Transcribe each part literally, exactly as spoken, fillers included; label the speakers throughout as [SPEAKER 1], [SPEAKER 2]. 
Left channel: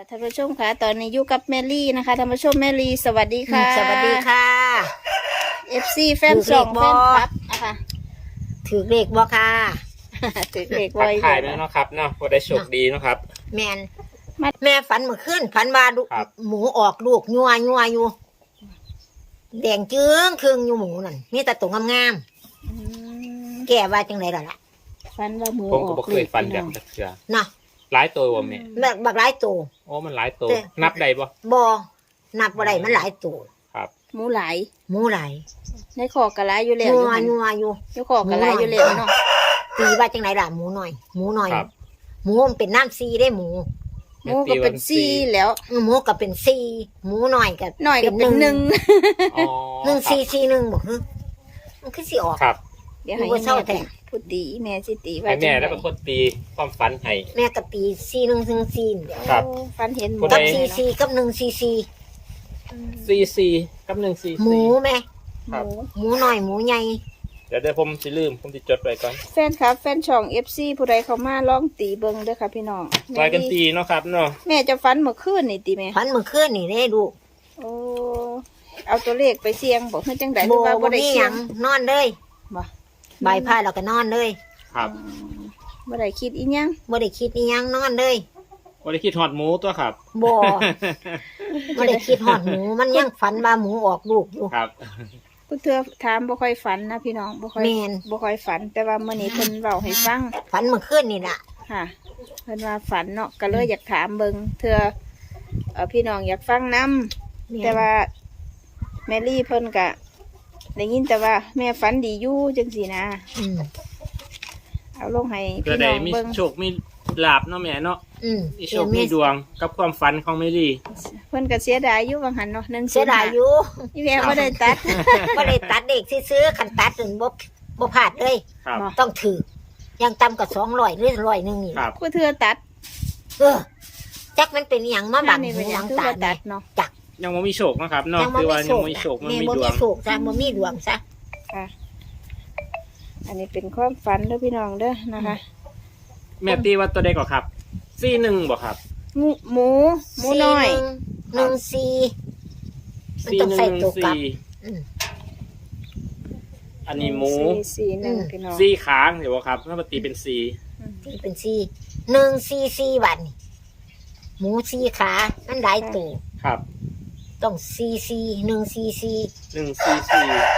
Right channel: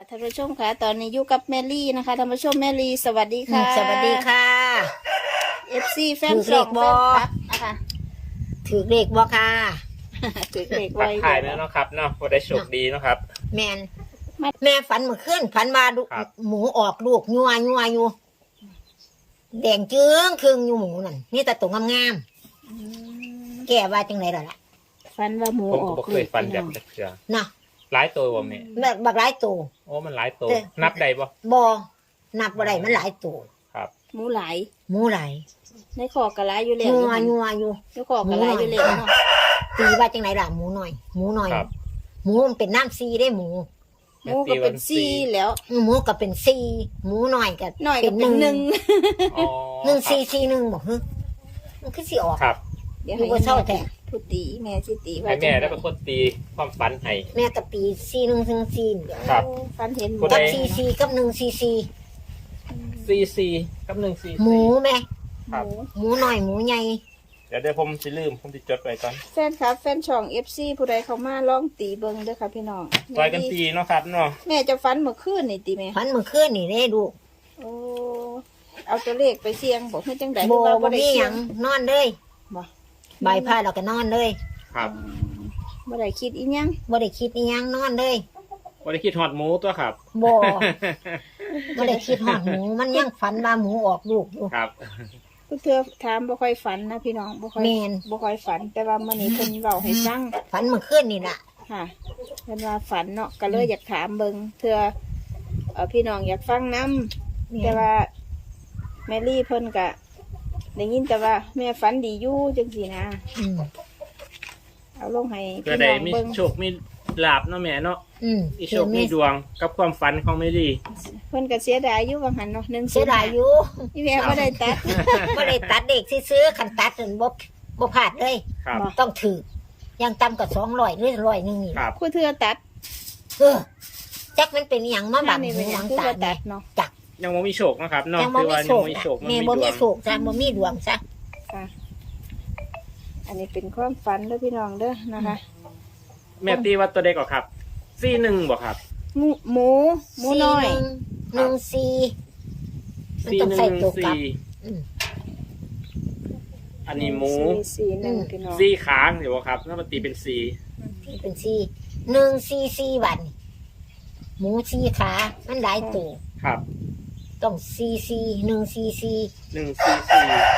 [SPEAKER 1] ท่านผู้ชมค่ะตอนนี้อยู่กับแมรี่นะคะท่านผู้ชมแมรี่สวัสดีค่ะ
[SPEAKER 2] สวัสดีค่ะ
[SPEAKER 1] เอฟซีแฟน
[SPEAKER 2] ถือเลขบ่ ถือเลขบ่ค่ะ
[SPEAKER 1] ถือเลข
[SPEAKER 3] ทั
[SPEAKER 1] ไว้
[SPEAKER 3] กทายแล้วเนาะครับเนาะก็ได้โชคดีเนาะครับ
[SPEAKER 2] แมนแม่ฝันเมื่อคืนฝันว่าลูก
[SPEAKER 3] ครับ
[SPEAKER 2] หมูออกลูกยัวยัวอยู่ แดงจึ้งครึ่งอยู่หมูนั่นนี่แต่ตัวงาม
[SPEAKER 1] อืม
[SPEAKER 2] ๆแก่ว่าจังไรล่ะล่ะ
[SPEAKER 1] ฟันว่าหมู
[SPEAKER 3] ผม
[SPEAKER 1] อ
[SPEAKER 3] ก็
[SPEAKER 1] อก
[SPEAKER 3] บ่เคยฟันแบบจักเทื่อ
[SPEAKER 2] เนาะ
[SPEAKER 3] หลายตัวบ่แม่
[SPEAKER 2] แบบบักหลายตัว
[SPEAKER 3] โอ้มันหลายตัว
[SPEAKER 2] แต่
[SPEAKER 3] นับได้บ่
[SPEAKER 2] บ่นับบ่ได้มันหลายตัว
[SPEAKER 3] ครับ
[SPEAKER 1] หมูหลาย
[SPEAKER 2] หมูหลาย
[SPEAKER 1] ในคอกระไรอยู่แล้ว
[SPEAKER 2] ยัว
[SPEAKER 1] อยู่
[SPEAKER 2] ยัวอยู่
[SPEAKER 1] ในคอกระไรอยู่แล้วเนาะ
[SPEAKER 2] ตีว่าจังไรล่ะหมูหน่อย หมูหน่อย
[SPEAKER 3] ครับ
[SPEAKER 2] หมูมันเป็นน้ำซีได้หมู
[SPEAKER 1] หมูก็เป็นซี่แล้ว
[SPEAKER 2] หมูก็เป็นซีหมูหน่อยก็
[SPEAKER 1] หน่อยก็เป็นหนึ่ง
[SPEAKER 3] อ๋อ
[SPEAKER 2] หนึ่งซีซีหนึ่งบอกฮึมันคือสิออก
[SPEAKER 3] ครับ
[SPEAKER 1] เดี๋ยว
[SPEAKER 2] ดู
[SPEAKER 1] ให้
[SPEAKER 2] ว่าเศร้า
[SPEAKER 1] แม่
[SPEAKER 2] แท้
[SPEAKER 1] พูดตีแม่สิตี
[SPEAKER 3] ให้
[SPEAKER 1] ว่า
[SPEAKER 3] แม่
[SPEAKER 1] จัง
[SPEAKER 3] แล้ว
[SPEAKER 1] ได
[SPEAKER 3] เป็นคนตีความฝันให้
[SPEAKER 2] แม่กับตีซีหนึ่งถึงซีนเดี๋ยว
[SPEAKER 3] ครับ
[SPEAKER 1] โอ้ฟันเห็นหมู
[SPEAKER 2] กับ
[SPEAKER 3] ได้
[SPEAKER 2] ซีซีกับหนึ่งซีซี
[SPEAKER 1] อืม
[SPEAKER 3] ซีซีกับหนึ่งซี
[SPEAKER 2] หมูแม่
[SPEAKER 1] หมู
[SPEAKER 2] หมูหน่อยหมูใหญ่
[SPEAKER 3] เดี๋ยวเดี๋ยวผมสิลืมผมสิจดไว้ก่อน
[SPEAKER 1] แฟนครับแฟนช่องเอฟซีผู้ใดเข้ามาลองตีเบิ้งเด้อค่ะพี่น้อง
[SPEAKER 3] ซอยกันตีเนาะครับเนาะ
[SPEAKER 1] แม่จะฟันเมื่อคืนนี่ตีแม่
[SPEAKER 2] พันเมื่อคืนนี่ได้ดู
[SPEAKER 1] โอ้เอาตัวเลขไปเสี่ยงบอกให้จังไดห
[SPEAKER 2] โบ
[SPEAKER 1] รือว่าบ่
[SPEAKER 2] บ่
[SPEAKER 1] ได้
[SPEAKER 2] มีห
[SPEAKER 1] เสี่ย
[SPEAKER 2] ยัง งนอนเลย
[SPEAKER 1] บ่
[SPEAKER 2] ใบพายเราก็นอนเลย
[SPEAKER 3] ครับ
[SPEAKER 1] อืมบ่ได้คิดอีหยัง
[SPEAKER 2] บ่ได้คิดอีหยังนอนเลย
[SPEAKER 3] บ่ได้คิดฮอดหมูตัวครับ
[SPEAKER 2] บ่ บ่ได้คิดหอดหมูมันยังฝันว่าหมูออกลูกอยู่
[SPEAKER 3] ครับ
[SPEAKER 1] ผู้เทื่อถามบ่ค่อยฝันนะพี่น้องบ่ค่อย
[SPEAKER 2] แม่น
[SPEAKER 1] บ่ค่อยฝัน แต่ว่ามื้อนี้เพิ่นเว้าให้ฟัง
[SPEAKER 2] ฝันเมื่อคืนนี่ล่ะ
[SPEAKER 1] ค่ะเพิ่นว่าฝันเนาะก็เลยอยากถามเบิ่งเทื่อเอ่อพี่น้องอยากฟังนํแต่ว่าแมรี่เพิ่นก็ได้ยินแต่ว่าแม่ฝันดีอยู่จังซี่นะ
[SPEAKER 2] อืม
[SPEAKER 1] เอาลงให้
[SPEAKER 3] เพื่อ
[SPEAKER 1] พี่
[SPEAKER 3] ได้
[SPEAKER 1] น้อง
[SPEAKER 3] มี
[SPEAKER 1] เบิ่ง
[SPEAKER 3] โชคมีลาบเนาะแม่เนาะ
[SPEAKER 2] อืม
[SPEAKER 3] มีโช
[SPEAKER 2] เชื่อ
[SPEAKER 3] ค
[SPEAKER 2] มี
[SPEAKER 3] มีดวงกับความฝันของแม่ดี
[SPEAKER 1] เพิ่นก็เสียดายอยู่บางหันเนาะหนึ่ง
[SPEAKER 2] เสียดายอยู่
[SPEAKER 1] นี่แม่บ่ได้ตัด
[SPEAKER 2] บ่ได้ตัดเด็กซื้อๆคันตัดนั่นบ่บ่พลาดเลย
[SPEAKER 3] ครับ
[SPEAKER 1] บ่
[SPEAKER 2] ต้องถือยังต่ำกับสองร้อยหรือร้อยหนึ่งนี่
[SPEAKER 3] ครั
[SPEAKER 2] ล่ะ
[SPEAKER 3] บ
[SPEAKER 1] ผู้เทื่อตัด
[SPEAKER 2] เออจักมันเป็นอหย่างมาบัง
[SPEAKER 1] นี่
[SPEAKER 2] หู
[SPEAKER 1] เป็นห
[SPEAKER 2] ห
[SPEAKER 1] ยั
[SPEAKER 2] ลั
[SPEAKER 1] ง
[SPEAKER 2] ง
[SPEAKER 1] คือ
[SPEAKER 2] ตา
[SPEAKER 1] บ่ตั
[SPEAKER 2] แม่
[SPEAKER 1] ดเนาะ
[SPEAKER 2] จัก
[SPEAKER 3] ยังบ่มีโชคนะครับเนาะ
[SPEAKER 2] ยังบ่มีโศก
[SPEAKER 3] คือว่ายังบ่มีโชค
[SPEAKER 2] แม่บ่มีโศกจ้ะบ่มีดวงซะ
[SPEAKER 1] ค่ะ อันนี้เป็นความฝันเด้อพี่น้องเด้อนะคะ
[SPEAKER 3] แม่ตีว่าตัวใดก่อนครับซีหนึ่งบ่ครับ
[SPEAKER 1] หมูหมูหมูน้อย
[SPEAKER 2] หนึ่งสี่มัน
[SPEAKER 3] ซี
[SPEAKER 2] ต้อง
[SPEAKER 3] หนึ่
[SPEAKER 2] ใส่
[SPEAKER 3] ง
[SPEAKER 2] ตัวกลับ
[SPEAKER 3] ซี
[SPEAKER 2] อืม
[SPEAKER 3] อันนี้หมู
[SPEAKER 1] สี่สี่หนึ่ง
[SPEAKER 2] อืม
[SPEAKER 1] พี่น้อง
[SPEAKER 3] ซีค้างเดี๋ยวครับเมื่อตีเป็นซี
[SPEAKER 2] นี่เป็นสี่หนึ่งสี่สี่วันนี่หมูสี่ขามันหลายตัว
[SPEAKER 3] ครับ
[SPEAKER 2] ต้องสี่สี่หนึ่งสี่สี่
[SPEAKER 3] หนึ่งซีซี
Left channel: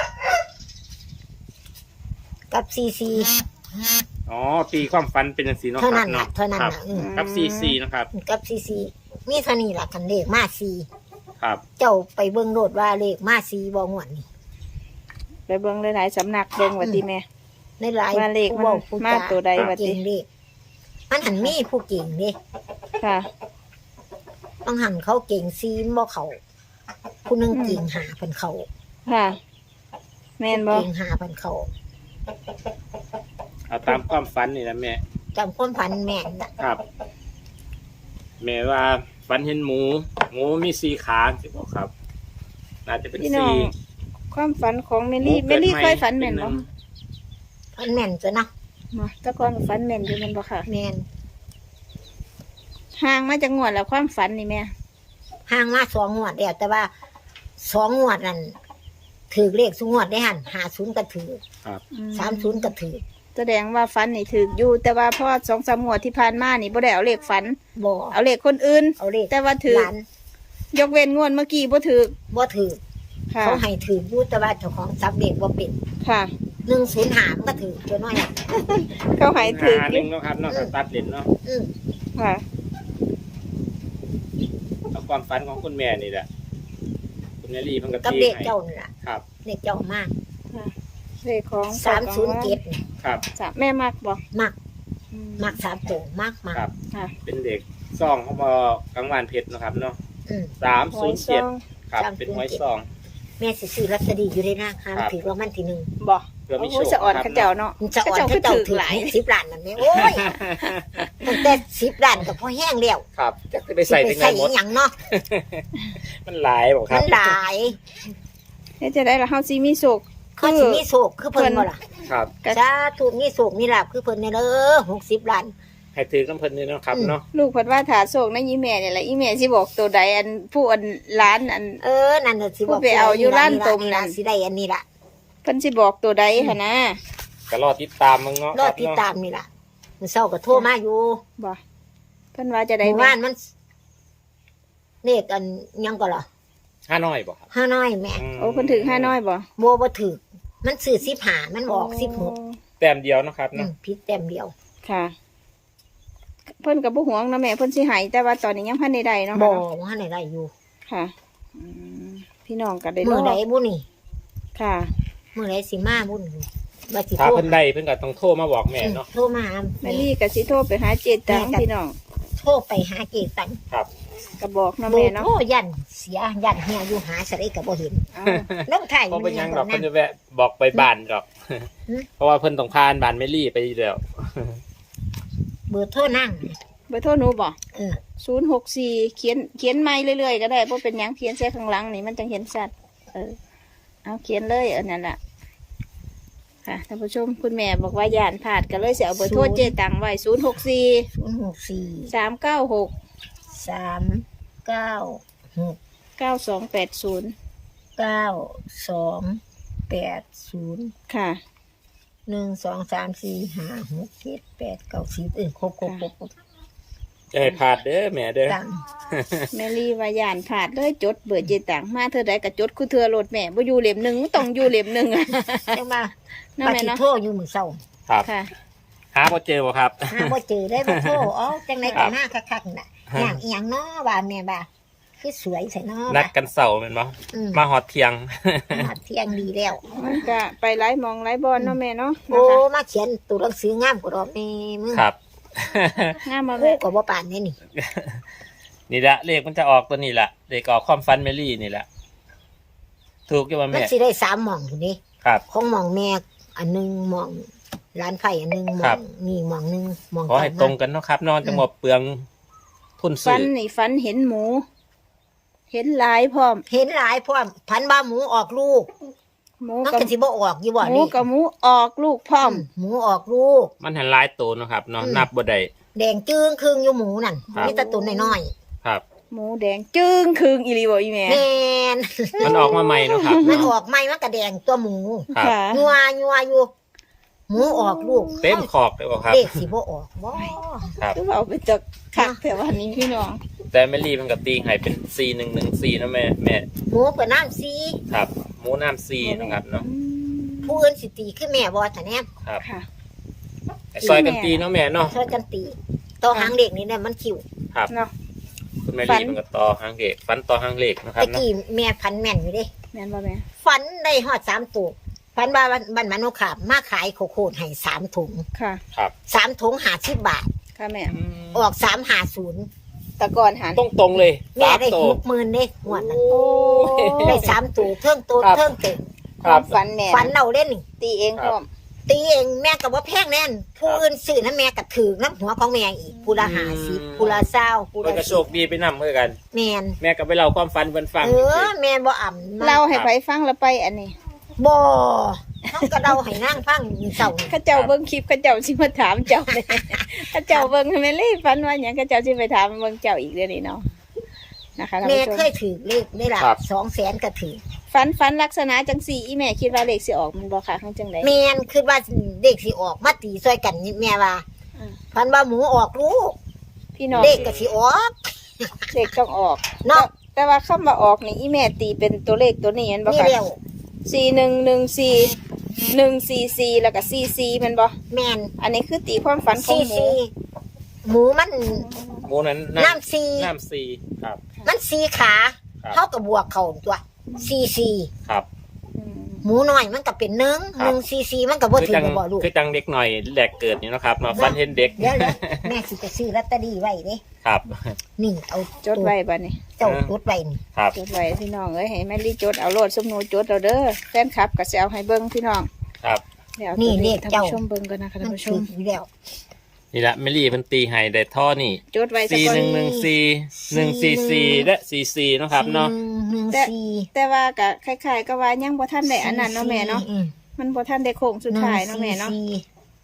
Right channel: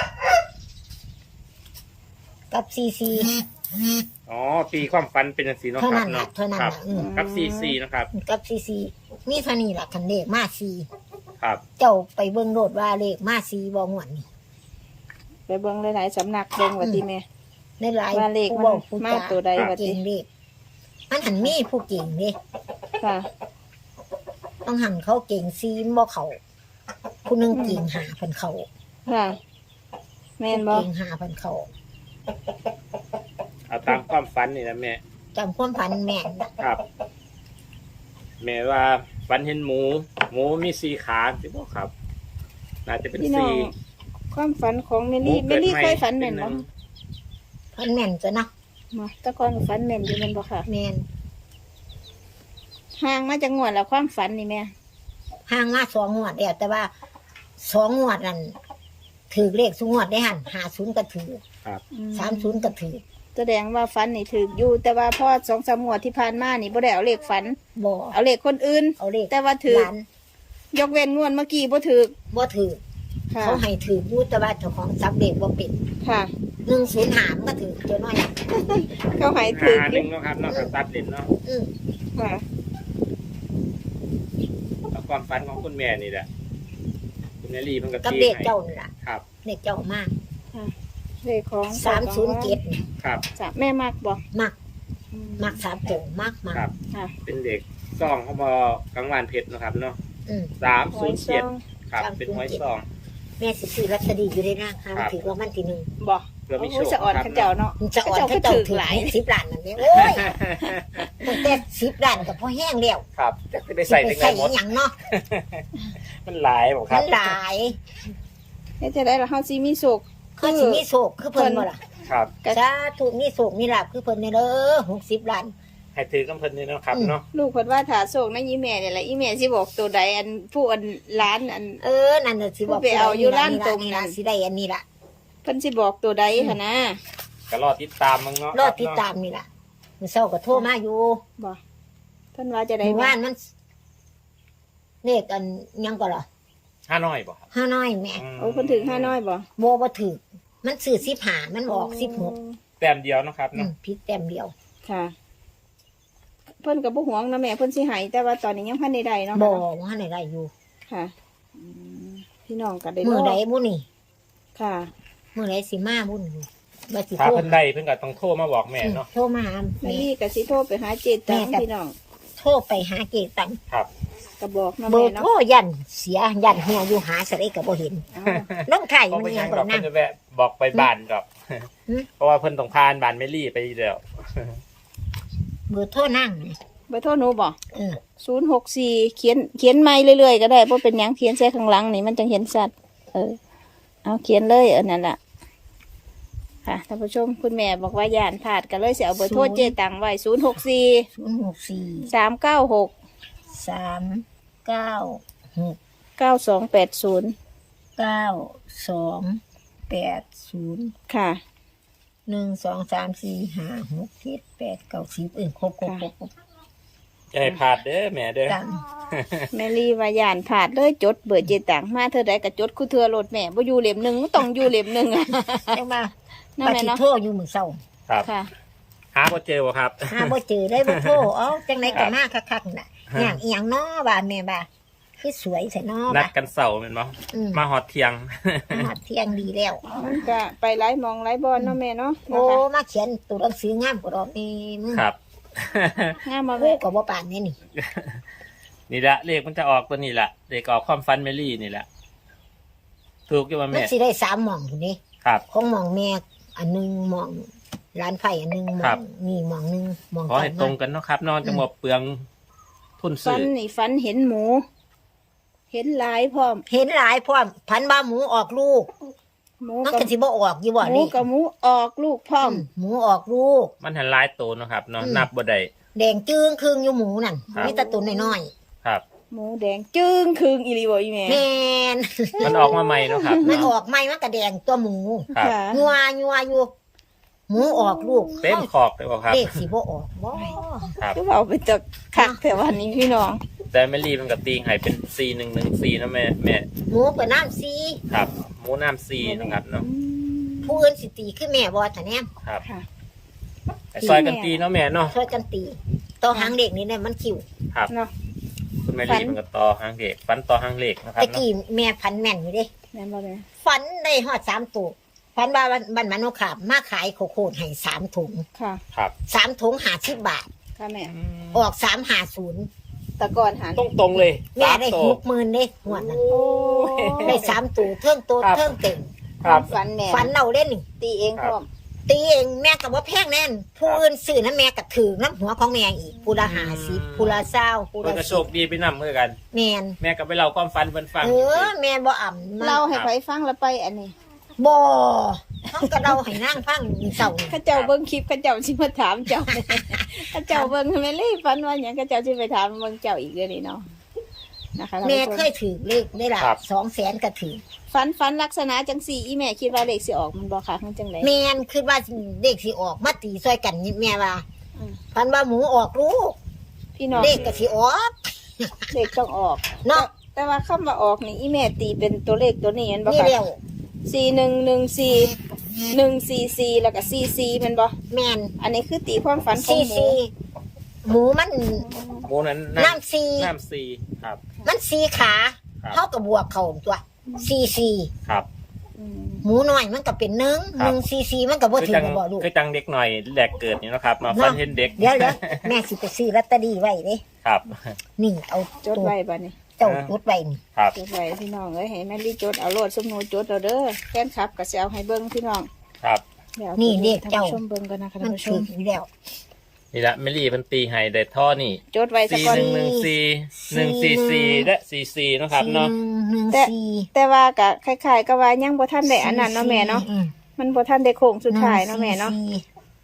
[SPEAKER 2] กับสี่สี่
[SPEAKER 3] อ๋อตีความฟันเป็นสีเนาะ
[SPEAKER 2] เท่านั้น
[SPEAKER 3] ครั
[SPEAKER 2] น่ะ
[SPEAKER 3] บ
[SPEAKER 2] เท่านั้น
[SPEAKER 3] ครับ
[SPEAKER 2] น่ะอืม
[SPEAKER 3] กับซีซีนะครับ
[SPEAKER 2] กับสี่สี่มีเท่านี้ล่ะคันเลขมาสี่
[SPEAKER 3] ครับ
[SPEAKER 2] เจ้าไปเบิ่งโลดว่าเลขมาสี่บ่งวดนี่
[SPEAKER 1] ไปเบิ่งหลายๆสำนักเบิ่งว่าติแม่
[SPEAKER 2] ในหลาย
[SPEAKER 1] ว่าเลขมัน
[SPEAKER 2] ผู้ว้ผู้
[SPEAKER 1] มา
[SPEAKER 2] จ
[SPEAKER 1] ตัวใดวะติ
[SPEAKER 2] เก่งเลขมันหันมีผู้เก่งเด้
[SPEAKER 1] ค่ะ
[SPEAKER 2] ต้องหันเขาเก่งซีมบ่เขาผู้หนึงเก่งหาเพิ่นเขา
[SPEAKER 1] ค่ะ แม่นบ่
[SPEAKER 2] เก่งหาเพิ่นเขา
[SPEAKER 3] เอาตามความฝันนี่นะแม่
[SPEAKER 2] จำความพันแม่นน่ะ
[SPEAKER 3] ครับ แม่ว่าฝันเห็นหมู หมูมีสีขาสิบอกครับน่าจะเป็น
[SPEAKER 1] พี่น้
[SPEAKER 3] สี
[SPEAKER 1] องความฝันของเมลี่
[SPEAKER 3] หมู
[SPEAKER 1] เมลี่
[SPEAKER 3] เกิดใหม่
[SPEAKER 1] เคยฝันแม่นบ่
[SPEAKER 3] เป็นหนึ่ง
[SPEAKER 2] เพิ่นแม่นจ้ะเนาะ
[SPEAKER 1] มาแตะก่อนก็ฝันแม่นอยู่แม่นบ่ค่ะ
[SPEAKER 2] แม่น
[SPEAKER 1] ห่างมาจากงวดแล้วความฝันนี่แม่
[SPEAKER 2] ห่างมาสองงวดแล้วแต่ว่าสองงวดนั่นถือเลขสุงวดได้หันหาศูนย์ก็ถือ
[SPEAKER 3] ครับ
[SPEAKER 2] สามศูนย์ก็ถือ
[SPEAKER 1] แสดงว่าฝันนี่ถูกอยู่ แต่ว่าพอสองสามงวดที่ผ่านมานี่บ่ได้เอาเลขฝัน
[SPEAKER 2] บ่
[SPEAKER 1] เอาเลขคนอื่น
[SPEAKER 2] เอาเลข
[SPEAKER 1] แต่ว่าถือ
[SPEAKER 2] หลาน
[SPEAKER 1] ยกเว้นงวดเมื่อกี้บ่ถูก
[SPEAKER 2] บ่ถือ
[SPEAKER 1] ค่ะ
[SPEAKER 2] เขาให้ถืออยู่แต่ว่าเจ้าของจับเลขบ่เป็น
[SPEAKER 1] ค่ะ
[SPEAKER 2] หนึ่งศูนย์หามนก็ถือตัวน้อยอะ
[SPEAKER 1] เขาให้ถูก
[SPEAKER 3] หา
[SPEAKER 1] อ
[SPEAKER 3] หนึ่
[SPEAKER 1] ยู่
[SPEAKER 3] งเนาะครับเนาะไปตัดเล่นเนาะ
[SPEAKER 2] อืม
[SPEAKER 1] ค่ะ
[SPEAKER 3] เอาความฝันของคุณแม่นี่แหละคุณแม่ลีมันก็
[SPEAKER 2] กับ
[SPEAKER 3] ตี
[SPEAKER 2] เลข
[SPEAKER 3] ให้
[SPEAKER 2] เจ้านี่ล่ะ
[SPEAKER 3] ครับ
[SPEAKER 2] เลขเจ้ามาก
[SPEAKER 1] เลขของ
[SPEAKER 2] สามศูนย์เจ็ดนี่
[SPEAKER 3] ครับ
[SPEAKER 1] สามแม่มักบ่
[SPEAKER 2] มัก
[SPEAKER 1] อืม
[SPEAKER 2] มักสามตัวมากมาก
[SPEAKER 3] ครับ
[SPEAKER 1] ค่ะ
[SPEAKER 3] เป็นเด็กซ่องเขามากลางวันเพชรนะครับเนาะ
[SPEAKER 2] อืม
[SPEAKER 3] สามศูนย์เจ็ดครับ
[SPEAKER 2] สามศู
[SPEAKER 3] เป็น
[SPEAKER 2] นย์
[SPEAKER 3] หวย
[SPEAKER 2] เจ็ด
[SPEAKER 3] ซอง
[SPEAKER 2] แม่สิซื้อลอตเตอรี่อยู่ในร่างค้าถือรางวัลที่หนึ่ง
[SPEAKER 1] บ่
[SPEAKER 3] เพื่อ
[SPEAKER 1] โอ้
[SPEAKER 3] มี
[SPEAKER 1] โห
[SPEAKER 3] โชค
[SPEAKER 1] สะอ่อน
[SPEAKER 3] ค
[SPEAKER 1] เขา
[SPEAKER 3] รับ
[SPEAKER 1] เจ้าเนาะ
[SPEAKER 2] มันจะอ่อน
[SPEAKER 1] เขา
[SPEAKER 2] ให้
[SPEAKER 1] เจ้า
[SPEAKER 2] เจ้า
[SPEAKER 1] ถื
[SPEAKER 2] ถื
[SPEAKER 1] อ
[SPEAKER 2] อ
[SPEAKER 1] หลาย
[SPEAKER 2] สิบล้านนั่นแหละโอ้ยตั้งแต่สิบล้านกับพ่อแห้งแล้ว
[SPEAKER 3] ครับจะไป
[SPEAKER 2] สิ
[SPEAKER 3] ใส่
[SPEAKER 2] ไป
[SPEAKER 3] ถึงไหน
[SPEAKER 2] ใส่
[SPEAKER 3] หม
[SPEAKER 2] อี
[SPEAKER 3] ด
[SPEAKER 2] หยังเนาะ
[SPEAKER 3] มันหลายบอกค
[SPEAKER 2] มั
[SPEAKER 3] รับ
[SPEAKER 2] นหลาย
[SPEAKER 1] เฮ็ดจะได้ละเฮาสิมีโชค
[SPEAKER 2] เขาสิมีโศกคือเพิ่นบ่ล่ะ
[SPEAKER 3] ครับ
[SPEAKER 2] สาธุมีโศกมีลาภคือเพิ่นเนี่ยเด้อหกสิบล้าน
[SPEAKER 3] ให้ถือกำเพิ่นนี่เนาะครับเนาะ
[SPEAKER 1] ลูกเพิ่นว่าถาโศกในะอีแม่นี่แหละอีแม่สิบอกตัวใดอันผู้อันร้านอัน
[SPEAKER 2] เออนั่นน่ะสิบอก
[SPEAKER 1] ไปเอาอยู่ร้านตรง
[SPEAKER 2] นี่
[SPEAKER 1] นั้
[SPEAKER 2] ล่ะ
[SPEAKER 1] น
[SPEAKER 2] สิได้อันนี้ล่ะ
[SPEAKER 1] เพิ่นสิบอกตัวใดหั่นนะ
[SPEAKER 3] ก็รอติดตามมึงเนาะ
[SPEAKER 2] รอติดตามนี่ล่ะมื้อเช้าก็โทรมาอยู่
[SPEAKER 1] บ่เพิ่นว่าจะได้
[SPEAKER 2] หมู่
[SPEAKER 1] แม่
[SPEAKER 2] บ้านมันเลขอันยังก็ล่ะ
[SPEAKER 3] ห้าน้อยบ่ครับ
[SPEAKER 2] ห้าน้อยแม่
[SPEAKER 1] โอ้เพิ่นถึงห้าน้อยบ่
[SPEAKER 2] บ่บ่ถูกมันซื้อสิบห้ามันออกสิบหก
[SPEAKER 3] แต้มเดียวเนาะครับ
[SPEAKER 2] อื
[SPEAKER 3] เนาะ
[SPEAKER 2] มผิดแต้มเดียว
[SPEAKER 1] ค่ะ เพิ่นก็บ่หวงนะแม่เพิ่นสิให้แต่ว่าตอนนี้ยังพันใดๆเนาะ
[SPEAKER 2] บ่
[SPEAKER 1] ค่ะ
[SPEAKER 2] ว่าไหนได้อยู่
[SPEAKER 1] ค่ะอืมพี่น้องก็ได้
[SPEAKER 2] มื้อใด
[SPEAKER 1] ร
[SPEAKER 2] บุนี่
[SPEAKER 1] ค่ะ
[SPEAKER 2] มื้อใดสิมาบุนี่ว่าสิ
[SPEAKER 3] ถ้า
[SPEAKER 2] โทร
[SPEAKER 3] เพิ่นได้เพิ่นก็ต้องโทรมาบอกแม่
[SPEAKER 2] อืม
[SPEAKER 3] เนาะ
[SPEAKER 2] โทรมาหา
[SPEAKER 1] แม่
[SPEAKER 2] แม่
[SPEAKER 1] ลี่ก็สิโทรไปหาเจตัง
[SPEAKER 2] แม่ก็
[SPEAKER 1] พี่น้อง
[SPEAKER 2] โทรไปหาเกตัง
[SPEAKER 3] ครับ
[SPEAKER 1] ก็บอกเนาะ
[SPEAKER 2] เบอ
[SPEAKER 1] แม่
[SPEAKER 2] ร์
[SPEAKER 1] เนาะ
[SPEAKER 2] โทรยันเสียยันเฮียอยู่หาสะได้ก็บ่เห็น
[SPEAKER 1] เอา
[SPEAKER 2] ลงไข่
[SPEAKER 3] เพราะ
[SPEAKER 2] มัน
[SPEAKER 3] เป็นห
[SPEAKER 2] ยั
[SPEAKER 3] ยัง ง
[SPEAKER 2] บ่
[SPEAKER 3] ดอก
[SPEAKER 2] นั่
[SPEAKER 3] เพิ่
[SPEAKER 2] ง
[SPEAKER 3] นจะแวะบอกไปบ้านดอก
[SPEAKER 2] หืม
[SPEAKER 3] เพราะว่าเพิ่นต้องพานบ้านแม่ลี่ไปอยู่แล้ว
[SPEAKER 2] เบอร์โทรนั่ง
[SPEAKER 1] เบอร์โทรหนูบ่
[SPEAKER 2] เออ
[SPEAKER 1] ศูนย์หกสี่เขียนเขียนไม่เรื่อยๆก็ได้เพราะเป็นหยังเขียนใส่ข้างหลังนี่มันจังเห็นชัดเออเอาเขียนเลยเออนั่นแหละค่ะท่านผู้ชมคุณแม่บอกว่าย่านผาดก็เลยเสียเอาเบอร์โทรเจตังไว้ศูนย์หกสี่
[SPEAKER 2] ศูนย์หกสี่
[SPEAKER 1] สามเก้าหก
[SPEAKER 2] สามเก้าหก
[SPEAKER 1] เก้าสองแปดศูนย์
[SPEAKER 2] เก้าสองแปดศูนย์
[SPEAKER 1] ค่ะ
[SPEAKER 2] หนึ่งสองสามสี่ห้าหกเจ็ดแปดเก้าสิบเออครบครบครบครบ
[SPEAKER 3] จะให้พลาดเด้อแม่เด้อ
[SPEAKER 2] ตัง
[SPEAKER 1] แม่ลีว่าย่านผาดเลยจดเบอร์เจตังมาเธอใดก็จดคู่เธอโหลดแม่บ่อยู่เหลี่ยมหนึ่งต้องอยู่เหลี่ยมหนึ่งอะ
[SPEAKER 2] จังว่า
[SPEAKER 1] นั่น
[SPEAKER 2] ป
[SPEAKER 1] แหละ
[SPEAKER 2] ฏิ
[SPEAKER 1] เนาะ
[SPEAKER 2] โทษอยู่มือเศร้า
[SPEAKER 3] ครับ
[SPEAKER 1] ค่ะ
[SPEAKER 3] หาบ่เจอบ่ครับ
[SPEAKER 2] หาบ่เจอได้บ่โทษอ๋อจังไดก็มาคักๆน่ะอย่างอีหยังน้อบ่าแม่บ่าคือสวยใส่น้อ
[SPEAKER 3] นั
[SPEAKER 2] บ่า
[SPEAKER 3] ดกันเสาร์แม่นบ่
[SPEAKER 2] อืม
[SPEAKER 3] มาฮอดเที่ยง
[SPEAKER 2] มาเที่ยงดีแล้ว
[SPEAKER 1] มันก็ไปไล่มองไล่บอลเนาะแม่เนาะ
[SPEAKER 2] โอ้
[SPEAKER 1] นะคะ
[SPEAKER 2] มาเขียนตัวหนังสืองามกว่าดอกนี่มึง
[SPEAKER 3] ครับ
[SPEAKER 1] งามมา
[SPEAKER 2] คู่
[SPEAKER 1] แม่
[SPEAKER 2] ก็บ่ปานนี่นี่
[SPEAKER 3] นี่แหละเลขมันจะออกตัวนี้แหละเลขออกความฟันแมลี่นี่แหละ ถูกอยู่ว่า
[SPEAKER 2] มัน
[SPEAKER 3] แม่
[SPEAKER 2] สิได้สามหม่องพุ่นนี่
[SPEAKER 3] ครับ
[SPEAKER 2] ของหม่องแม่อันหนึงหม่องร้านไผ่อันหนึงหม่
[SPEAKER 3] ครั
[SPEAKER 2] อบ งนี่หม่องหนึงหม่อง
[SPEAKER 3] ขอ
[SPEAKER 2] ต่อ
[SPEAKER 3] ให้ตร
[SPEAKER 2] มาง
[SPEAKER 3] กันเนาะครับ นอนจะหมดเปลืองทุน
[SPEAKER 1] ฟั
[SPEAKER 3] ซื้
[SPEAKER 1] น
[SPEAKER 3] อ
[SPEAKER 1] นี่ฟันเห็นหมู เห็นหลายพร้อม
[SPEAKER 2] เห็นหลายพร้อมพันว่าหมูออกลูก
[SPEAKER 1] หมู
[SPEAKER 2] มัน
[SPEAKER 1] กับ
[SPEAKER 2] ก็สิบ่ออกอยู่บ่
[SPEAKER 1] หมู
[SPEAKER 2] นี่
[SPEAKER 1] กับหมูออกลูกพร้อม
[SPEAKER 2] หมูออกลูก
[SPEAKER 3] มันหันหลายตัวเนาะครับเนาะ
[SPEAKER 2] อืม
[SPEAKER 3] นับบ่ได้
[SPEAKER 2] แดงจึ้งครึ่งอยู่หมูนั่น
[SPEAKER 3] ครับ
[SPEAKER 2] มีแตะตุนน้อย
[SPEAKER 3] ครับ
[SPEAKER 1] หมูแดงจึ้งคืงอีหลีบ่อีแม่
[SPEAKER 2] ๆแม่น
[SPEAKER 3] มันออกมาใหม่เนาะครับ
[SPEAKER 2] มันออกไหมมันก็แดงตัวหมู
[SPEAKER 3] ครับ
[SPEAKER 1] ค่ะ
[SPEAKER 2] ยัวยัวอยู่ หมูออกลูก
[SPEAKER 3] เต็มขอบเลยบ่ครับ
[SPEAKER 2] เด็กสิบ่ออกบ่
[SPEAKER 3] ครับ
[SPEAKER 1] ก็เอาไปจากคักแต่วันนี้พี่น้อง
[SPEAKER 3] แต่แมลี่มันก็ตีให้เป็นซีหนึ่งหนึ่งซีนะแม่แม่
[SPEAKER 2] หมูก็น้ำซี
[SPEAKER 3] ครับหมูน้ำซีนะครับเนาะ
[SPEAKER 1] อืม
[SPEAKER 2] ผู้อื่นสิตีคือแม่บ่ท่านแนม
[SPEAKER 3] ครับ
[SPEAKER 1] ค่ะ
[SPEAKER 3] ให้ซอยกันตีเนาะแม่เนาะ
[SPEAKER 2] ช่วยกันตีต่อหางเด็กนี่เนี่ยมันคิว
[SPEAKER 3] ครับ
[SPEAKER 1] เนาะ
[SPEAKER 3] คุณแม่
[SPEAKER 1] ฝั
[SPEAKER 3] ลี่
[SPEAKER 1] น
[SPEAKER 3] มันก็ต่อหางเหล็กฟันต่อหางเหล็กนะครั
[SPEAKER 2] ตะ
[SPEAKER 3] บเนาะ
[SPEAKER 2] กี้แม่พันแม่นอยู่เด้
[SPEAKER 1] แม่นบ่แม่
[SPEAKER 2] ฝันได้ฮอดสามตัวฝันว่าบ้านบ้านมันโนขาบมาขายโคโค่ให้สามถุง
[SPEAKER 1] ค่ะ
[SPEAKER 3] ครับ
[SPEAKER 2] สามถุงห้าสิบบาท
[SPEAKER 1] ค่ะแม่
[SPEAKER 2] ออกสามห้าศูนย์
[SPEAKER 1] แต่ก่อนหัน
[SPEAKER 3] ตรงตรงๆเลย
[SPEAKER 2] แม่ได้
[SPEAKER 3] สา
[SPEAKER 2] ห
[SPEAKER 3] ตัว
[SPEAKER 2] กหมื่นเด้งวดนั้น
[SPEAKER 1] โอ้
[SPEAKER 2] ได้สามตัวเทิงตัว
[SPEAKER 3] ครับ
[SPEAKER 2] เทิงเต็ม
[SPEAKER 1] ความฝันแม่
[SPEAKER 2] ฝันเราเล่นนี่
[SPEAKER 1] ตีเองพร้อม
[SPEAKER 2] ตีเองแม่กับว่าแพงแน่น ผู้อื่นซื้อน้ำแม่กับถือน้ำหัวของแม่อีกผู้ละหาสิบผู้ละเศร้าผู้
[SPEAKER 3] เพิ่
[SPEAKER 2] ละ
[SPEAKER 3] นก็โช
[SPEAKER 2] สิบ
[SPEAKER 3] คดีไปนำเพื่อกัน
[SPEAKER 2] แม่น
[SPEAKER 3] แม่ก็ไปเล่าความฝันเพิ่นฟัง
[SPEAKER 2] เออแม่บ่อ่ำมก
[SPEAKER 1] เล่าให้ไผฟังแล้วไปอันนี้
[SPEAKER 2] บ่เขาก็เราให้นั่งฟังเศร้านี่
[SPEAKER 1] ข้าเจ้าเบิ่งคลิปข้าเจ้าสิมาถามเจ้าเลยข้าเจ้าเบิ่งแม่ลี่ฝันว่าหยังข้าเจ้าสิไปถามเบิ่งเจ้าอีกเด้อนี่เนาะนะคะท่าน
[SPEAKER 2] แม่
[SPEAKER 1] ผู้ช
[SPEAKER 2] เคยถือเลขได้ละสองแสนก็ถือ
[SPEAKER 1] ฝันฝันลักษณะจังสี่อีแม่คิดว่าเลขสิออกมันบ่ค่ะข้างจังได
[SPEAKER 2] แม่นคือว่าเด็กสิออกมาตีซอยกันนี่แม่ว่า
[SPEAKER 1] อืม
[SPEAKER 2] พันว่าหมูออกลูก
[SPEAKER 1] พี่น้อง
[SPEAKER 2] เด็กก็สิออก
[SPEAKER 1] เลขต้องออก
[SPEAKER 2] เนาะ
[SPEAKER 1] แต่ว่าคำว่าออกนี่อีแม่ตีเป็นตัวเลขตัวนี้แม่นบ่
[SPEAKER 2] นี่
[SPEAKER 1] ค่ะ
[SPEAKER 2] เร็ว
[SPEAKER 1] สี่หนึ่งหนึ่งสี่หนึ่งสี่สี่แล้วก็สี่สี่แม่นบ่
[SPEAKER 2] แม่น
[SPEAKER 1] อันนี้คือตีความฝันของ
[SPEAKER 2] ซี
[SPEAKER 1] หมู
[SPEAKER 2] ซีหมูมัน
[SPEAKER 3] หมูนั้น
[SPEAKER 2] น้ำซี
[SPEAKER 3] น้ำซีครับ
[SPEAKER 2] มันซีขา
[SPEAKER 3] ครับ
[SPEAKER 2] เท่ากับบวกเขาตัวซีซี
[SPEAKER 3] ครับ
[SPEAKER 1] อืม
[SPEAKER 2] หมูน้อยมันก็เป็นหนึ่ง
[SPEAKER 3] ครับ
[SPEAKER 2] หนึ่งซีซีมันก็บ่
[SPEAKER 3] คือ
[SPEAKER 2] ถึง
[SPEAKER 3] จัง
[SPEAKER 2] กับบ่ลูก
[SPEAKER 3] คือจังเด็กหน่อยแหลกเกิดนี่เนาะครับมา
[SPEAKER 2] เนาะ
[SPEAKER 3] ฟันเห็นเด็ก
[SPEAKER 2] เดี๋ยวเดี๋ยวแม่สิไปซื้อลอตเตอรี่ไว้เด้
[SPEAKER 3] ครับ
[SPEAKER 2] นี่เอา
[SPEAKER 1] จดไว้บัดนี้
[SPEAKER 2] เจ้าจดไว้นี่
[SPEAKER 3] ครับ
[SPEAKER 1] จดไว้พี่น้องเอ้ยให้แม่ลี่จดเอาโลดสมนูจดเอาเด้อแฟนคลับก็สิเอาให้เบิ่งพี่น้อง
[SPEAKER 3] ครับ
[SPEAKER 1] เดี๋ยว
[SPEAKER 2] นี่เลข
[SPEAKER 1] ท่าน
[SPEAKER 2] เจ้า
[SPEAKER 1] ผู้ชมเบิ่งกันนะคะ
[SPEAKER 2] มั
[SPEAKER 1] ท่าน นผู้ช
[SPEAKER 2] ถึ
[SPEAKER 1] ม
[SPEAKER 2] งอยู่แล้ว
[SPEAKER 3] นี่แหละเมลี่เพิ่นตีให้ได้ท่อนี่
[SPEAKER 1] จดไว้สัก
[SPEAKER 3] สี่
[SPEAKER 1] ก่อน
[SPEAKER 3] หนึ่งหนึ่งสี่หนึ่งสี่สี่และสี่สี่เนาะครับเนาะ
[SPEAKER 2] หนึ่ง
[SPEAKER 1] แต่
[SPEAKER 2] ซี
[SPEAKER 1] แต่ว่าก็คล้ายๆกับว่ายังบ่ทันได้อันนั้นเนาะแม่เนาะ
[SPEAKER 2] อืม
[SPEAKER 1] มันบ่ทันได้โค้งสุดท้ายเนาะแม่เนาะ
[SPEAKER 2] หงซีอืม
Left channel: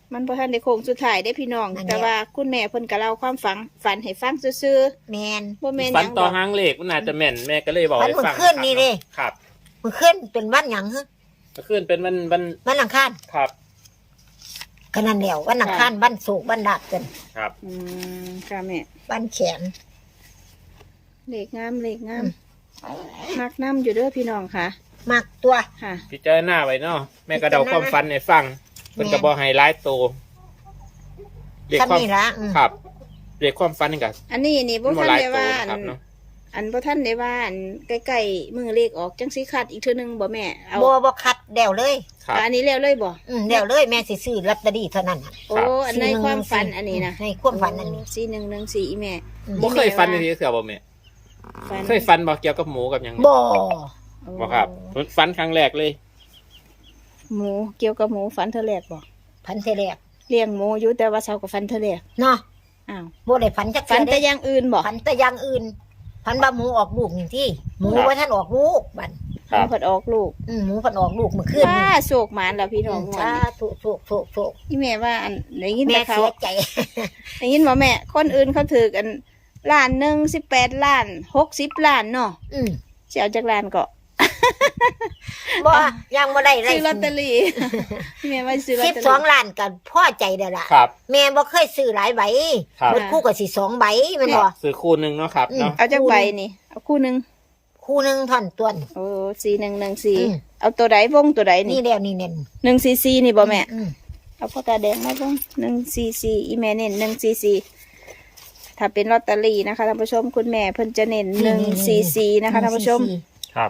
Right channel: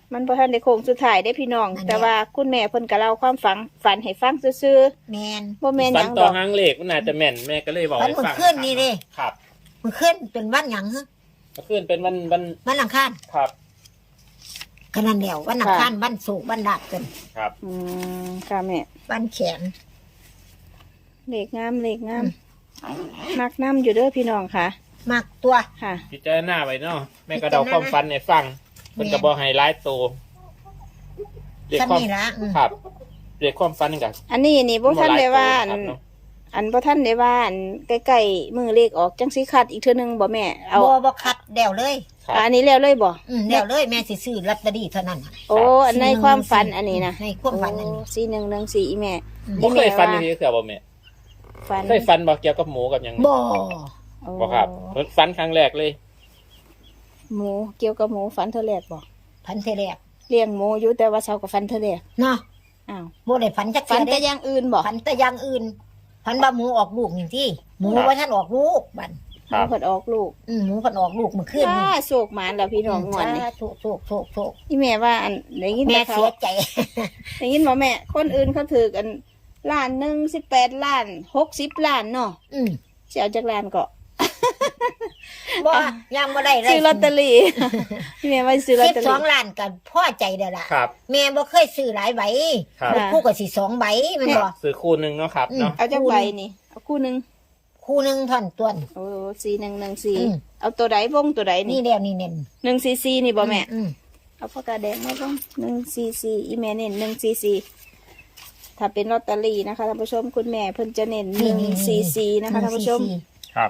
[SPEAKER 1] มันพอทันได้โค้งสุดท้ายได้พี่น้อง
[SPEAKER 2] นั่นแหละ
[SPEAKER 1] แต่ว่าคุณแม่เพิ่นก็เล่าความฝันฝันให้ฟังซื่อ
[SPEAKER 2] แมน
[SPEAKER 1] ๆบ่แม่นห
[SPEAKER 3] ฝั
[SPEAKER 1] ยั
[SPEAKER 3] น
[SPEAKER 1] ง
[SPEAKER 3] ต่
[SPEAKER 1] ด
[SPEAKER 3] อ
[SPEAKER 1] อก
[SPEAKER 3] หางเลขมันน่าจะแม่นแม่ก็เลยบอก
[SPEAKER 2] ฝัน
[SPEAKER 3] ให้
[SPEAKER 2] เมื่อ
[SPEAKER 3] ฟัง
[SPEAKER 2] คืนนี่เด้
[SPEAKER 3] ครับ
[SPEAKER 2] มันขึ้นเป็นวันหยังฮะ
[SPEAKER 3] เมื่อคืนเป็นวันวัน
[SPEAKER 2] วันอังคาร
[SPEAKER 3] ครับ
[SPEAKER 2] ขนาดเดียววันอังคารวันศุกร์วันดาบกัน
[SPEAKER 3] ครับ
[SPEAKER 1] อืมค่ะแม่
[SPEAKER 2] วันแขน
[SPEAKER 1] เลขงามเลขงามมักน้ำอยู่เด้อพี่น้องค่ะ
[SPEAKER 2] มากตัว
[SPEAKER 1] ค่ะ
[SPEAKER 3] พิจารณาไว้เนาะแม่ก็เดาความฝันให้ฟังเพิ่นก็บ่ให้หลายโตเลข
[SPEAKER 2] ท่าน
[SPEAKER 3] ความ
[SPEAKER 2] นี่ละอืม
[SPEAKER 3] ครับเลขความฝันนี่ก็
[SPEAKER 1] อันนี้นี่บ่ทันได้ว่า
[SPEAKER 3] บ่หล
[SPEAKER 1] อั
[SPEAKER 3] ย
[SPEAKER 1] น
[SPEAKER 3] โตนะครับเนาะ
[SPEAKER 1] อันบ่ทันได้ว่าอันใกล้ๆมือเลขออกจังสิคัดอีกเทื่อนึงบ่แม่เอา
[SPEAKER 2] บัวบคัดเดวเลย
[SPEAKER 3] ครับ
[SPEAKER 1] อันนี้แล้วเลยบ่
[SPEAKER 2] อืมเดวเลยแม่สิซื้อลอตเตอรี่เท่านั้นน่ะ
[SPEAKER 1] โอ้อันในความฝันอันนี้นะ
[SPEAKER 2] ในความฝันอันนี้
[SPEAKER 1] สี่หนึ่งหนึ่งสี่อีแม่
[SPEAKER 2] อืม
[SPEAKER 3] บ่เคยฝันจังซี่เทื่อบ่แม่
[SPEAKER 1] ฝัน
[SPEAKER 3] เคยฝันบ่เกี่ยวกับหมูกับหยัง
[SPEAKER 2] บ่
[SPEAKER 1] โอ้
[SPEAKER 3] บ่ครับฝันครั้งแรกเลย
[SPEAKER 1] หมูเกี่ยวกับหมูฝันเธอแรกบ่
[SPEAKER 2] พันเทแรก
[SPEAKER 1] เลี้ยงหมูอยู่แต่ว่าเช้ากับฝันเธอแรก
[SPEAKER 2] เนาะ
[SPEAKER 1] อ้าว
[SPEAKER 2] บ่ได้ฝันจัก
[SPEAKER 1] ฝัน
[SPEAKER 2] เทื่อ
[SPEAKER 1] แต่
[SPEAKER 2] เด้
[SPEAKER 1] อย่างอื่นบ่
[SPEAKER 2] ฝันแต่อย่างอื่นฝันว่าหมูออกลูกนี่ที่หมูว่าท่านออกลูกบัด
[SPEAKER 1] หมูผดออกลูก
[SPEAKER 2] อืมหมูเพันออกลูกเมื่อคืน
[SPEAKER 1] ถ้า
[SPEAKER 2] นี่
[SPEAKER 1] โศกหมานแล้วพี่น้องงวด
[SPEAKER 2] สา
[SPEAKER 1] นี้
[SPEAKER 2] ธุโถูกถูกถูก
[SPEAKER 1] นี่แม่ว่าอันได้ยิน
[SPEAKER 2] แม่
[SPEAKER 1] แต่เขา
[SPEAKER 2] เสียใจ
[SPEAKER 1] ได้ยินบ่แม่ คนอื่นเขาถือกันล้านหนึ่งสิบแปดล้านหกสิบล้านเนาะ
[SPEAKER 2] อืม
[SPEAKER 1] เสียจากล้านก็
[SPEAKER 2] บ่ยังบ่ได้ไร
[SPEAKER 1] ซื้อลอตเตอรี่ แม่ว่าซื้อลอต
[SPEAKER 2] สิบ
[SPEAKER 1] เตอ
[SPEAKER 2] สอง
[SPEAKER 1] รี่
[SPEAKER 2] ล้านกันพ่อใจเด้อล่ะ
[SPEAKER 3] ครับ
[SPEAKER 2] แม่บ่เคยซื้อหลายใบ
[SPEAKER 3] ครับ
[SPEAKER 2] หมดคู่กับสิสองใบแมันบ่
[SPEAKER 3] ซื้อคู่หนึงเนาะครับ
[SPEAKER 2] อืม
[SPEAKER 3] เนาะ
[SPEAKER 1] เอาจากใบนี่เอาคู่หนึ่ง
[SPEAKER 2] คู่หนึงท่อนต้น
[SPEAKER 1] โอ้สี่หนึ่งหนึ่งสี่
[SPEAKER 2] อืม
[SPEAKER 1] เอาตัวใดวงตัวใด
[SPEAKER 2] นี่
[SPEAKER 1] นี่
[SPEAKER 2] แล้วนี่เน้น
[SPEAKER 1] หนึ่งสี่สี่นี่บ่แม่
[SPEAKER 2] อืม
[SPEAKER 1] เอาปากกาแดงมาบ้างหนึ่งสี่สี่อีแม่เน้นหนึ่งสี่สี่ถ้าเป็นลอตเตอรี่นะคะท่านผู้ชมคุณแม่เพิ่นจะเน้นหนึ่งสี่สี่นะคะท่านผู้ชม
[SPEAKER 3] ครับ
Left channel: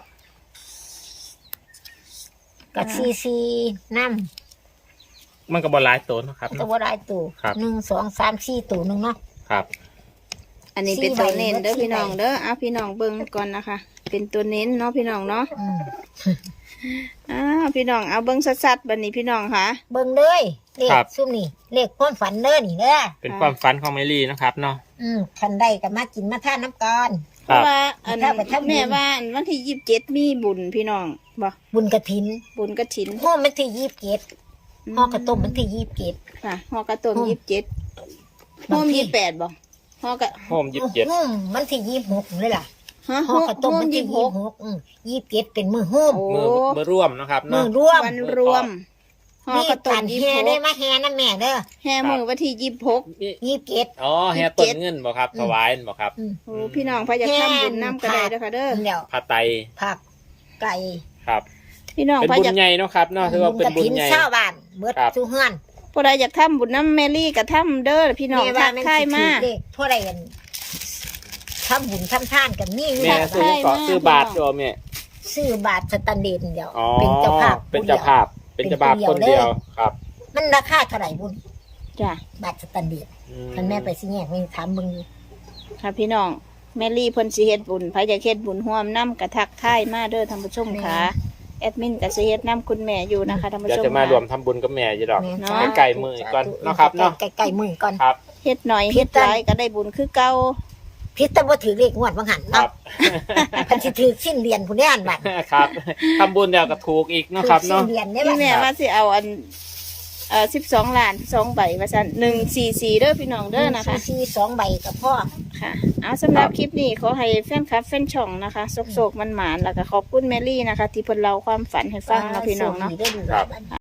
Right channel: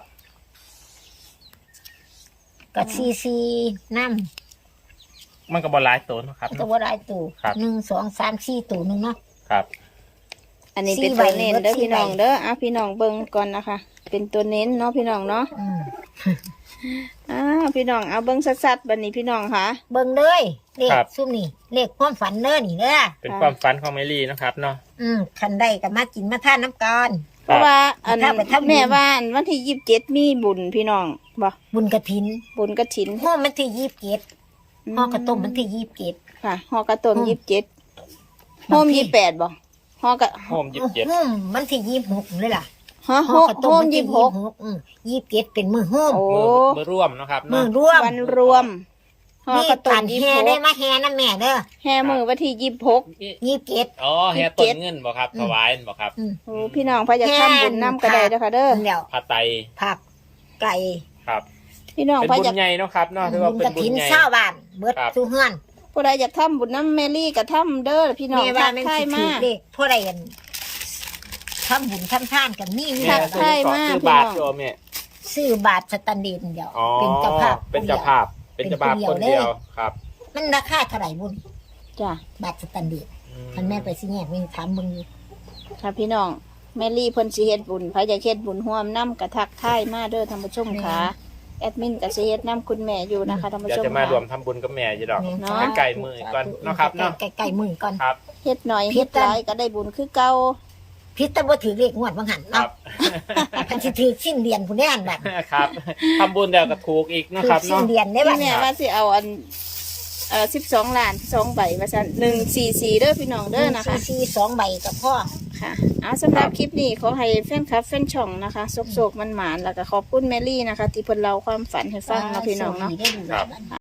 [SPEAKER 2] กับซีซีน้
[SPEAKER 3] มันก็บ่หลายโตเนาะครับ
[SPEAKER 2] ำก็บ่ได้ตัว
[SPEAKER 3] ครับ
[SPEAKER 2] หนึ่งสองสามสี่ตัวหนึงเนาะ
[SPEAKER 3] ครับ
[SPEAKER 1] อันนี้เป็น
[SPEAKER 2] สี่
[SPEAKER 1] ตัว
[SPEAKER 2] ใบ
[SPEAKER 1] เน้น
[SPEAKER 2] ลด
[SPEAKER 1] เด้อ
[SPEAKER 2] สี่
[SPEAKER 1] พี่น้อง
[SPEAKER 2] ใบ
[SPEAKER 1] เด้อเอาพี่น้องเบิ่งก่อนนะคะ เป็นตัวเน้นเนาะพี่น้องเนาะ
[SPEAKER 2] อืม
[SPEAKER 1] อ้าวพี่น้องเอาเบิ่งชัดๆบัดนี้พี่น้องค่ะ
[SPEAKER 2] เบิ่งเลยเลข
[SPEAKER 3] ครับ
[SPEAKER 2] ซุ่มนี่เลขความฝันเด้อนี่เด้อ
[SPEAKER 3] เป็นความฝันของแมรี่นะครับเนาะ
[SPEAKER 2] อืมคันได้ก็มากินมาทานน้ำก่อน
[SPEAKER 1] เพราะว่าอัน
[SPEAKER 2] ถ้าไปทำบุญ
[SPEAKER 1] แม่ว่าอันวันที่ยี่สิบเจ็ดมีบุญพี่น้องบ่
[SPEAKER 2] บุญกระถิน
[SPEAKER 1] บุญกฐิน
[SPEAKER 2] ห้อมันที่ยี่สิบเจ็ดห่อกระต้มมันที่ยี่สิบเจ็ด
[SPEAKER 1] ค่ะห่อกระต้ม
[SPEAKER 2] อืม
[SPEAKER 1] ยี่สิบเจ็ด
[SPEAKER 2] บาง
[SPEAKER 1] โฮม
[SPEAKER 2] ที่
[SPEAKER 1] ยี่สิบแปดบ่ห่อกระ
[SPEAKER 3] โฮมยี่สิบเจ็ด
[SPEAKER 2] อืมมันที่ยี่สิบหกเลยล่ะ
[SPEAKER 1] ฮะ
[SPEAKER 2] ห่
[SPEAKER 1] โฮ
[SPEAKER 2] อกระต้ม
[SPEAKER 1] โฮม
[SPEAKER 2] มัน
[SPEAKER 1] ยี่
[SPEAKER 2] ที่
[SPEAKER 1] สิบห
[SPEAKER 2] ยี่
[SPEAKER 1] ก
[SPEAKER 2] สิบหกอืมยี่สิบเจ็ดเป็นมือโฮม
[SPEAKER 1] โอ้
[SPEAKER 3] มือมือร่วมนะครับ
[SPEAKER 2] มื
[SPEAKER 3] เนาะ
[SPEAKER 2] อร่วม
[SPEAKER 1] วันรวมห่อกระต้
[SPEAKER 2] ตั
[SPEAKER 1] ม
[SPEAKER 2] น
[SPEAKER 1] ยี่
[SPEAKER 2] แฮ
[SPEAKER 1] สิบห
[SPEAKER 2] ได้
[SPEAKER 1] ก
[SPEAKER 2] มาแฮนะแม่เด้อ
[SPEAKER 1] แห่มือวันที่ยี่สิบหก
[SPEAKER 2] ยี่สิบเจ็ด
[SPEAKER 3] อ๋อแฮ
[SPEAKER 1] ยี่สิบ
[SPEAKER 3] ต้
[SPEAKER 1] เจ็
[SPEAKER 3] น
[SPEAKER 1] ด
[SPEAKER 3] เงินบ่ครับ
[SPEAKER 2] อืม
[SPEAKER 3] ถวายบ่ครับ
[SPEAKER 2] อืม
[SPEAKER 1] โอ้พี่น้องพระจะทำบุญน้ำก็ได้เด้อค่ะเด้อ
[SPEAKER 2] เดี๋ยว
[SPEAKER 3] ผ้าไตร
[SPEAKER 2] ผักไก่
[SPEAKER 3] ครับ
[SPEAKER 1] พี่น้อง
[SPEAKER 3] เป็น
[SPEAKER 1] พระ
[SPEAKER 3] บุ
[SPEAKER 1] จะ
[SPEAKER 3] ญใหญ่เนาะครับเนาะถือ
[SPEAKER 2] บุ
[SPEAKER 3] ว่า
[SPEAKER 2] ญ
[SPEAKER 3] เป็น
[SPEAKER 2] กระ
[SPEAKER 3] บุญ
[SPEAKER 2] ถิน
[SPEAKER 3] ใหญ่
[SPEAKER 2] เช้าบ้านเบิด
[SPEAKER 3] ครับ
[SPEAKER 2] สู่เฮือน
[SPEAKER 1] ผู้ใดอยากทำบุญน้ำแมรี่ก็ทำเด้อพี่น้อง
[SPEAKER 2] แม่
[SPEAKER 1] ทั
[SPEAKER 2] ว่าก แม่น
[SPEAKER 1] ทาย
[SPEAKER 2] สิ
[SPEAKER 1] มา
[SPEAKER 2] ถือเลขผู้ใดกันทำบุญทำทานกันนี่อยู่
[SPEAKER 3] แม่
[SPEAKER 1] ทัก
[SPEAKER 3] ซื้อ
[SPEAKER 1] ทาย
[SPEAKER 3] ขอ
[SPEAKER 1] มา
[SPEAKER 3] ซื้อบาท
[SPEAKER 1] พี่น้อง
[SPEAKER 3] โยมแม่
[SPEAKER 2] ซื้อบาทสแตันเดนเดียว
[SPEAKER 3] อ๋อ
[SPEAKER 2] เป็นเจ้าภาพ
[SPEAKER 3] เป็นเจ้าภาพ เป็นเจ้าภาพ
[SPEAKER 2] เป็น
[SPEAKER 3] ค
[SPEAKER 2] คน
[SPEAKER 3] น
[SPEAKER 2] เดี
[SPEAKER 3] เดี
[SPEAKER 2] ย
[SPEAKER 3] ยว วครับ
[SPEAKER 2] มันราคาเท่าไหร่บุญ
[SPEAKER 1] จ้ะ
[SPEAKER 2] บาทสแตันเดน
[SPEAKER 3] อื
[SPEAKER 2] ท่านแม่ไปสิแง่ไม่ถามมึง
[SPEAKER 1] ค่ะพี่น้องแมรี่เพิ่นสิเฮ็ดบุญพระจะเฮ็ดบุญร่วมน้ำกระทักทายมาเด้อท่านผู้ชมค่ะแอดมินก็สิเฮ็ดน้ำคุณแม่อยู่นะคะท่านผู้
[SPEAKER 3] เดี๋ยว
[SPEAKER 1] ชม
[SPEAKER 3] จะมา
[SPEAKER 1] ค่ะ
[SPEAKER 3] รวมทำบุญกับแม่จีดอก
[SPEAKER 2] แม่
[SPEAKER 1] เนาะ
[SPEAKER 3] ไก่มือก่อนเนาะครับเนาะ
[SPEAKER 2] ไก่ไก่มือก่อน
[SPEAKER 3] ครับ
[SPEAKER 1] เฮ็ดหน่อย
[SPEAKER 2] พิ
[SPEAKER 1] เฮ็ด
[SPEAKER 2] จาร
[SPEAKER 1] หลายก็ได้บุญคือเก่า
[SPEAKER 2] พิษตะบ่ถือเลขงวดบางหัน
[SPEAKER 3] ค
[SPEAKER 2] เนาะ
[SPEAKER 3] รับ
[SPEAKER 2] พันสิถือสิ้นเดือนผู้นี้อันบัตร
[SPEAKER 3] ครับทำบุญเดี๋ยวก็ถูกอีกเนาะ
[SPEAKER 2] ถื
[SPEAKER 3] ค
[SPEAKER 2] อ
[SPEAKER 3] รับ
[SPEAKER 2] สิ้น
[SPEAKER 3] เนาะ
[SPEAKER 2] เดือนได้
[SPEAKER 1] พี่
[SPEAKER 2] บัตร
[SPEAKER 1] แม่ว่าสิเอาอันเอ่อสิบสองล้านสองใบว่าซั่นหนึ่งสี่สี่เด้อพี่น้องเด้อนะคะ
[SPEAKER 2] ซีสองใบกับพ่อ
[SPEAKER 1] ค่ะเอาสำหรับคลิปนี้ขอให้แฟนคลับแฟนช่องนะคะโศกๆมันหมานๆแล้วก็ขอบคุณแมรี่นะคะ ที่เพิ่นเล่าความฝันให้ฟังเนาะพี่น้องเนาะ
[SPEAKER 2] ได้ดูแลบัตร